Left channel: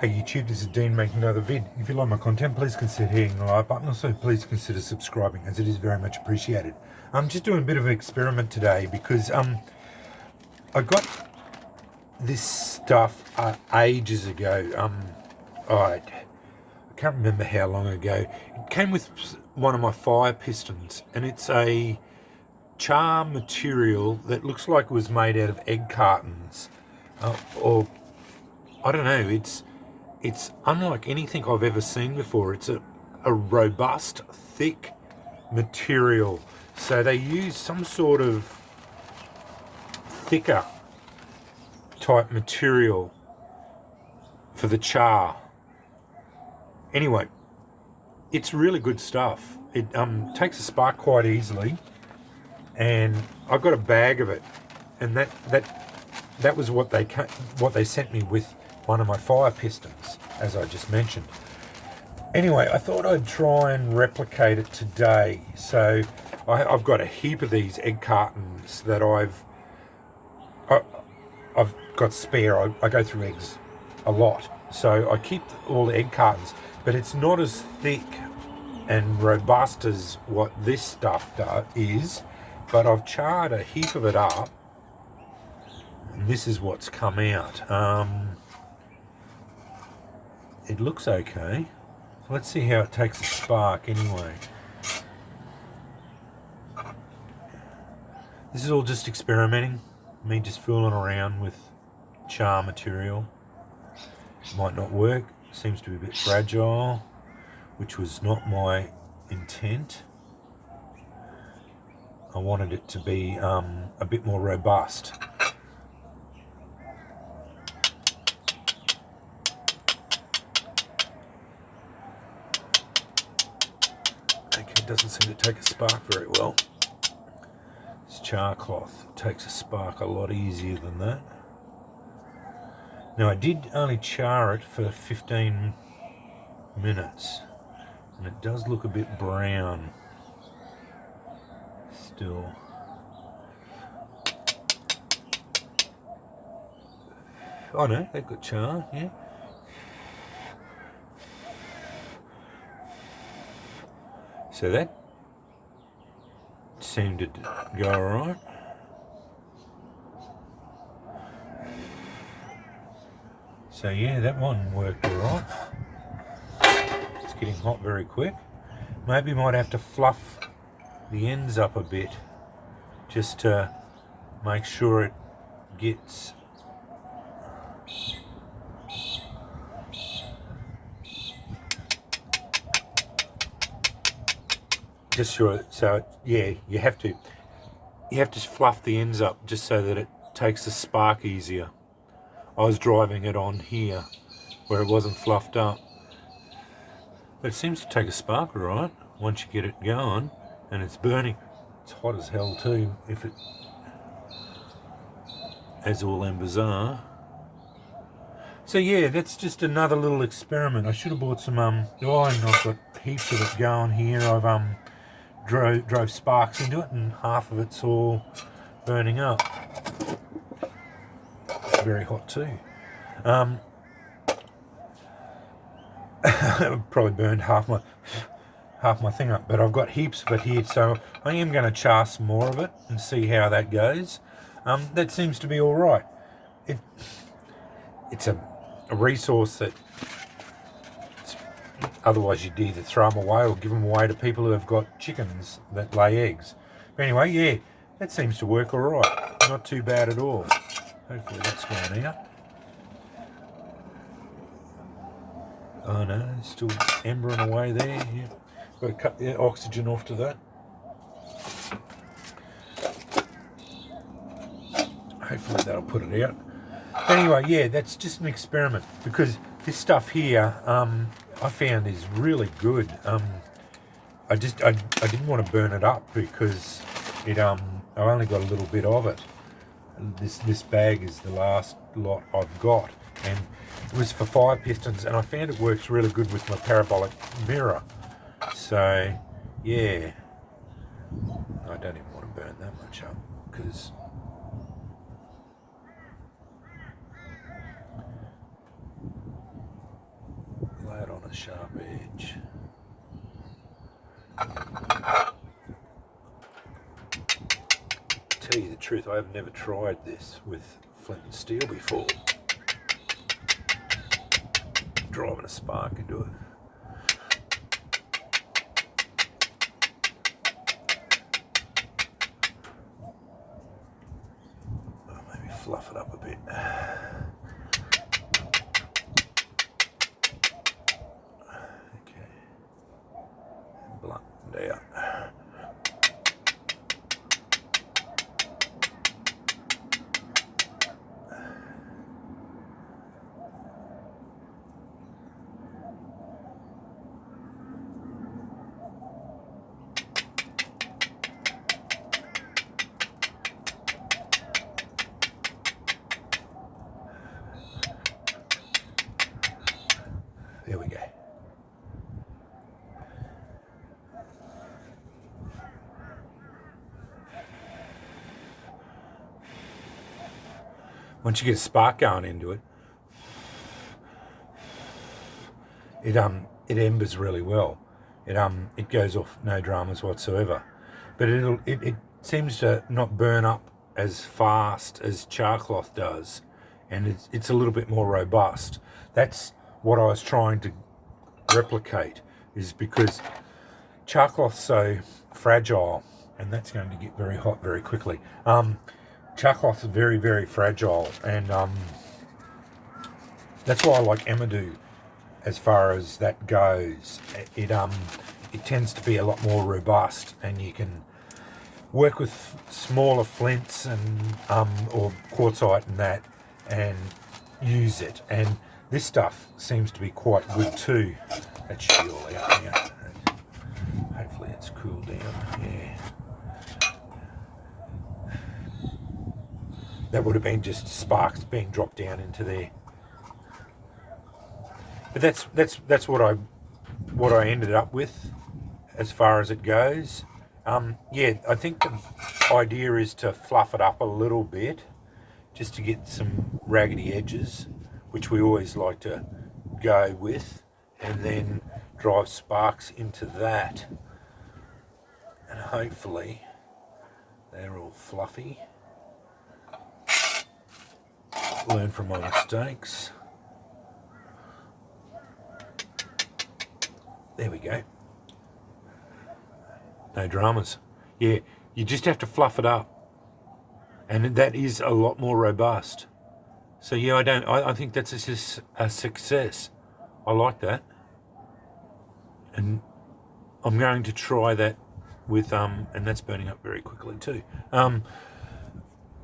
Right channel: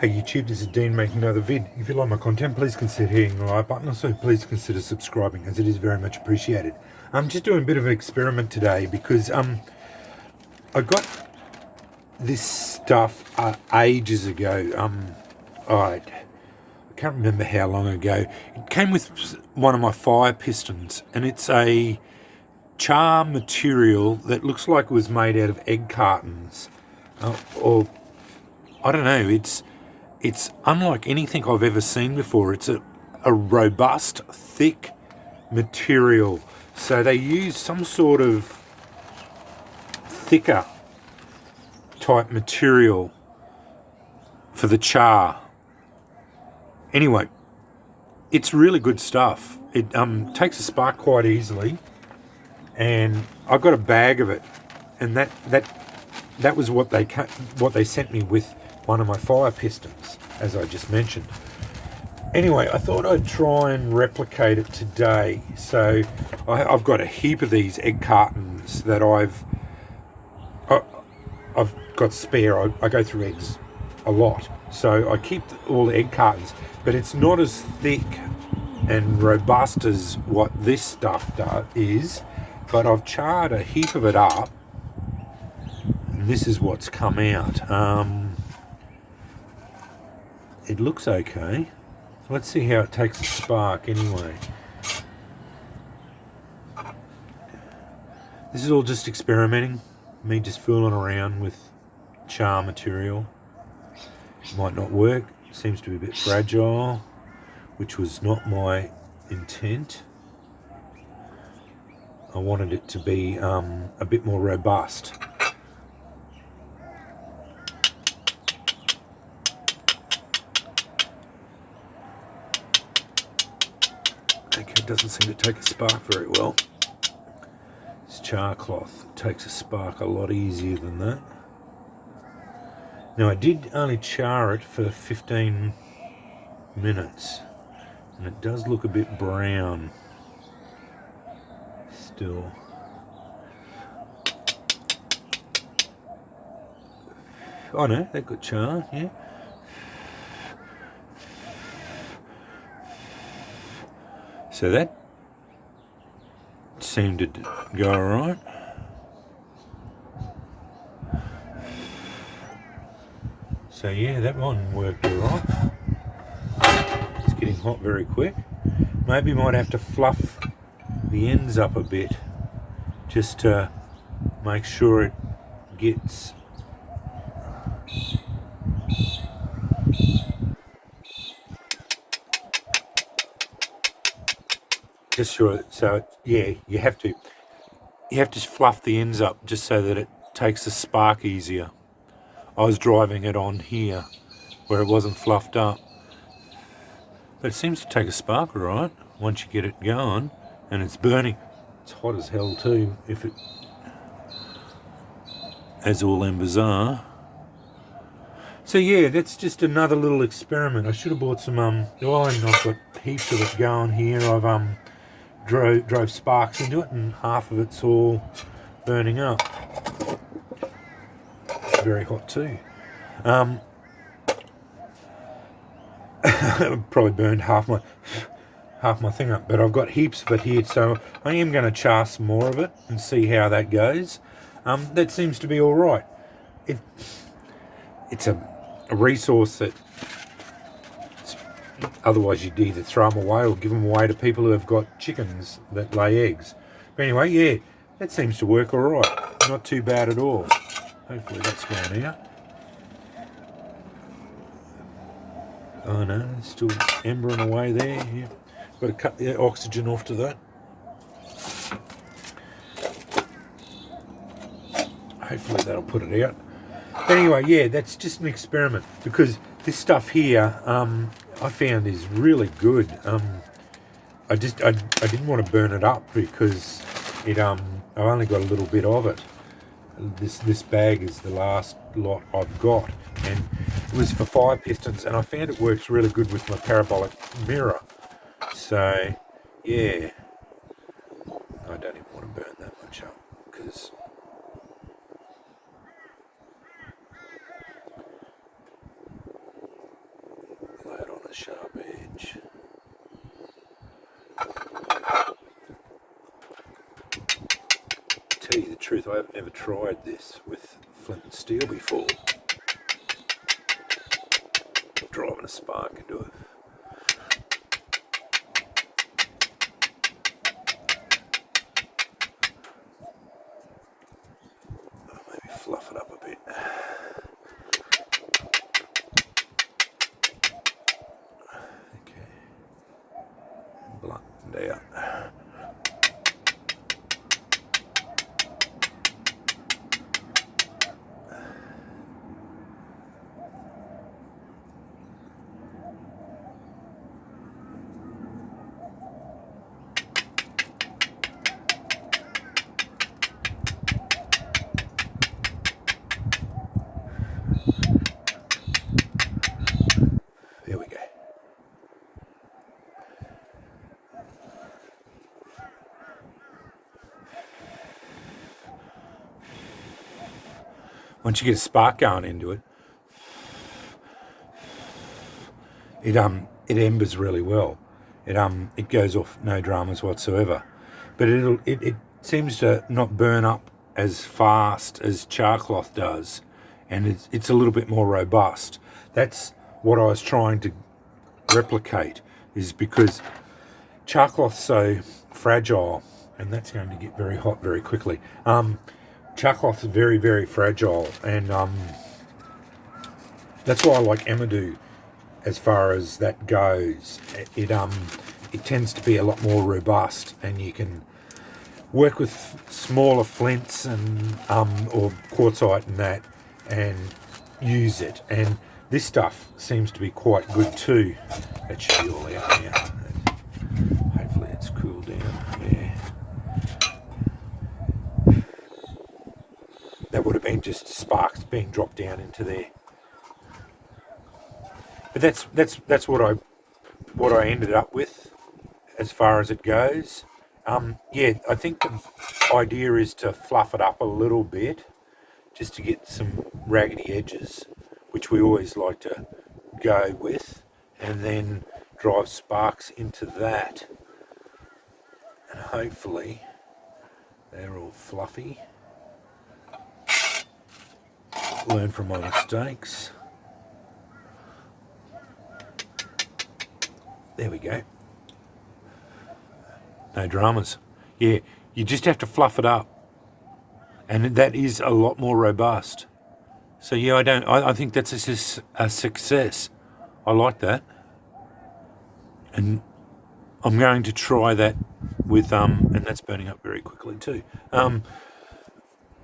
Hey YouTube, this is Dean making another vid. If you like my content, please consider hitting the like button. Also, please consider subscribing, as it is very much appreciated. I'm just doing a bit of an experiment today because I got this stuff ages ago. I can't remember how long ago. It came with one of my fire pistons, and it's a char material that looks like it was made out of egg cartons, or I don't know. It's unlike anything I've ever seen before. It's a robust, thick material. So they use some sort of thicker type material for the char. Anyway, it's really good stuff. It takes a spark quite easily, and I've got a bag of it, and that was what they sent me with one of my fire pistons, as I just mentioned. Anyway, I thought I'd try and replicate it today. So I've got a heap of these egg cartons that I've got spare. I go through eggs a lot, so I keep all the egg cartons, but it's not as thick and robust as what this stuff is. But I've charred a heap of it up, and this is what's come out. It looks okay. Let's see how it takes a spark anyway. This is all just experimenting, me just fooling around with char material. It might not work, it seems to be a bit fragile, which was not my intent. I wanted it to be a bit more robust. Okay, it doesn't seem to take a spark very well. This char cloth takes a spark a lot easier than that. Now I did only char it for 15 minutes, and it does look a bit brown still. Oh no, that got charred, yeah. So that seemed to go alright. So yeah, that one worked alright. It's getting hot very quick. Maybe might have to fluff the ends up a bit just to make sure it gets just sure. So yeah, you have to fluff the ends up just so that it takes the spark easier. I was driving it on here where it wasn't fluffed up, but it seems to take a spark all right once you get it going, and it's burning. It's hot as hell too, if it, as all embers are. So yeah, that's just another little experiment. I should have bought some oil, and I've got heaps of it going here. I've drove sparks into it, and half of it's all burning up. It's very hot too. Probably burned half my thing up, but I've got heaps of it here, so I am going to char some more of it and see how that goes. That seems to be all right. It's a resource that otherwise you'd either throw them away or give them away to people who have got chickens that lay eggs. But anyway, yeah, that seems to work all right. Not too bad at all. Hopefully that's going out. Oh no, it's still embering away there. Yeah. Got to cut the oxygen off to that. Hopefully that'll put it out. Anyway, yeah, that's just an experiment, because this stuff here I found is really good. I didn't want to burn it up because it I only got a little bit of it. This bag is the last lot I've got, and it was for fire pistons, and I found it works really good with my parabolic mirror. So yeah, I don't even want to burn that much up, because a sharp edge. To tell you the truth, I have never tried this with flint and steel before. Driving a spark into it. Maybe fluff it up a bit. Okay. Blunt out. There we go. Once you get a spark going into it, it embers really well. It goes off no dramas whatsoever, but it seems to not burn up as fast as char cloth does, and it's a little bit more robust. That's what I was trying to replicate, is because char cloth's so fragile, and that's going to get very hot very quickly. Char cloth is very, very fragile, and that's why I like Emadu as far as that goes. It tends to be a lot more robust, and you can work with smaller flints and or quartzite and that, and use it. And this stuff seems to be quite good too. That should be all out now. Hopefully it's cooled down. Yeah. That would have been just sparks being dropped down into there. But that's what I ended up with as far as it goes. Yeah, I think the idea is to fluff it up a little bit, just to get some raggedy edges, which we always like to go with, and then drive sparks into that. And hopefully they're all fluffy. Learn from my mistakes. There we go. No dramas. Yeah, you just have to fluff it up, and that is a lot more robust. So yeah, I think that's a success. I like that, and I'm going to try that with and that's burning up very quickly too. I'm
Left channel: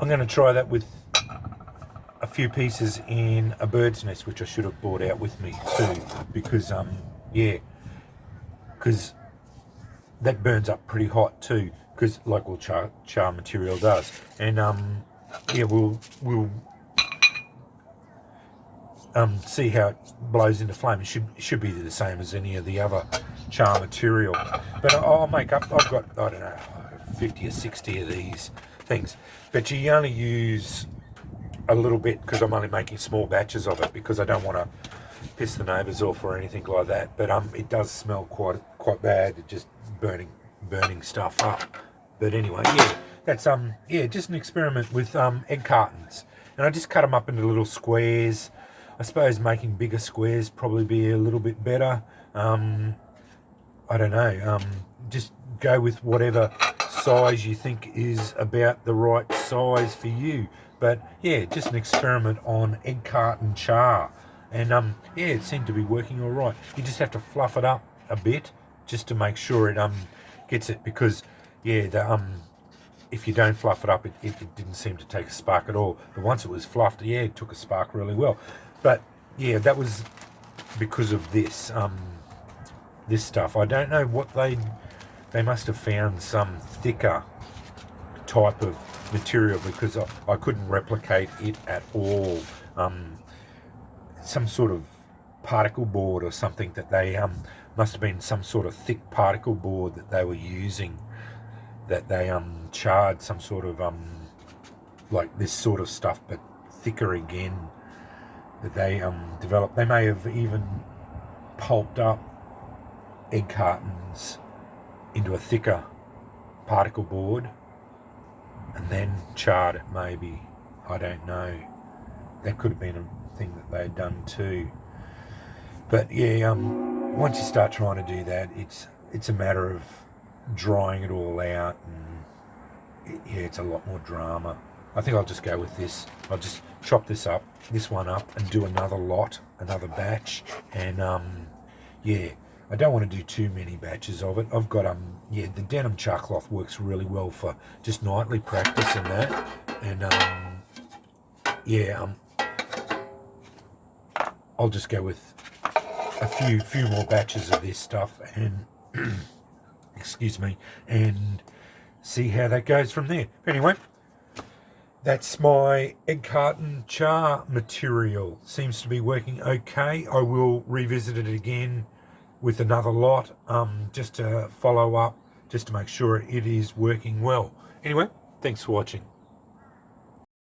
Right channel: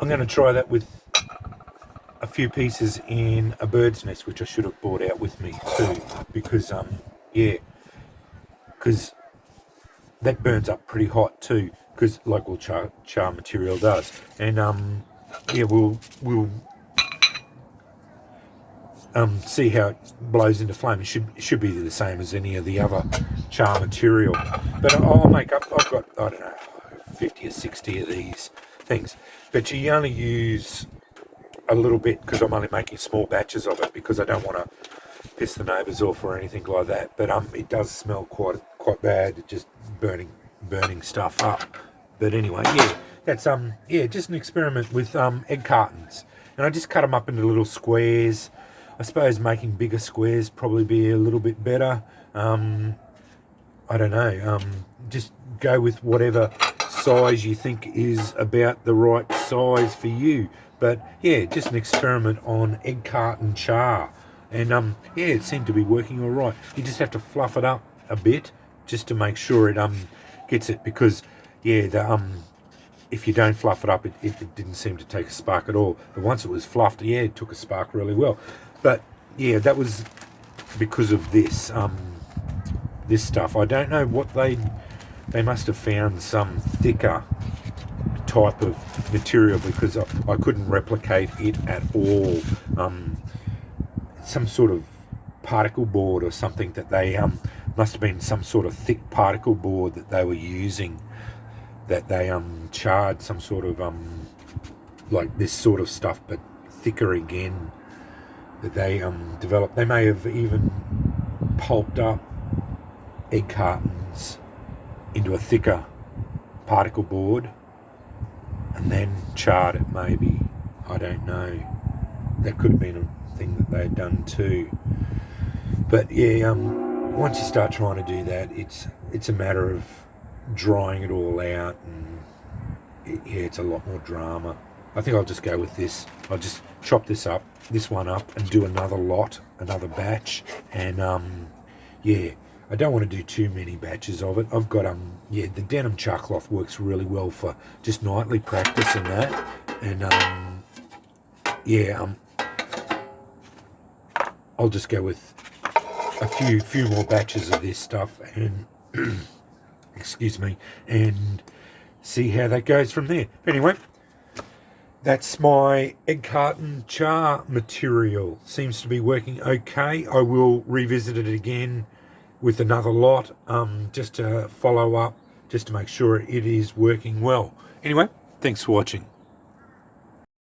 going to try that with a few pieces in a bird's nest, which I should have brought out with me too, because yeah, because that burns up pretty hot too, because like all char material does. And yeah, we'll see how it blows into flame. It should be the same as any of the other char material. But I'll make up. I've got, I don't know, 50 or 60 of these things. But you only use a little bit, because I'm only making small batches of it, because I don't want to piss the neighbours off or anything like that. But it does smell quite bad, just burning stuff up. But anyway, yeah, that's yeah, just an experiment with egg cartons, and I just cut them up into little squares. I suppose making bigger squares probably be a little bit better. I don't know. Just go with whatever size you think is about the right size for you. But yeah, just an experiment on egg carton char, and yeah, it seemed to be working all right. You just have to fluff it up a bit just to make sure it gets it, because yeah, if you don't fluff it up, it didn't seem to take a spark at all. But once it was fluffed, yeah, it took a spark really well. But yeah, that was because of this this stuff. I don't know what they must have found some thicker type of material, because I couldn't replicate it at all. Some sort of particle board or something that they must have been some sort of thick particle board that they were using, that they charred some sort of like this sort of stuff, but thicker again, that they developed. They may have even pulped up egg cartons into a thicker particle board and then charred it maybe. I don't know. That could have been a thing that they'd done too. But yeah, once you start trying to do that, it's a matter of drying it all out, and it's a lot more drama. I think I'll just go with this. I'll just chop this one up, and do another lot, another batch, and yeah, I don't want to do too many batches of it. I've got the denim char cloth works really well for just nightly practice and that, and I'll just go with a few more batches of this stuff, and excuse me, and see how that goes from there. Anyway, that's my egg carton char material. Seems to be working okay. I will revisit it again with another lot, just to follow up, just to make sure it is working well. Anyway, thanks for watching.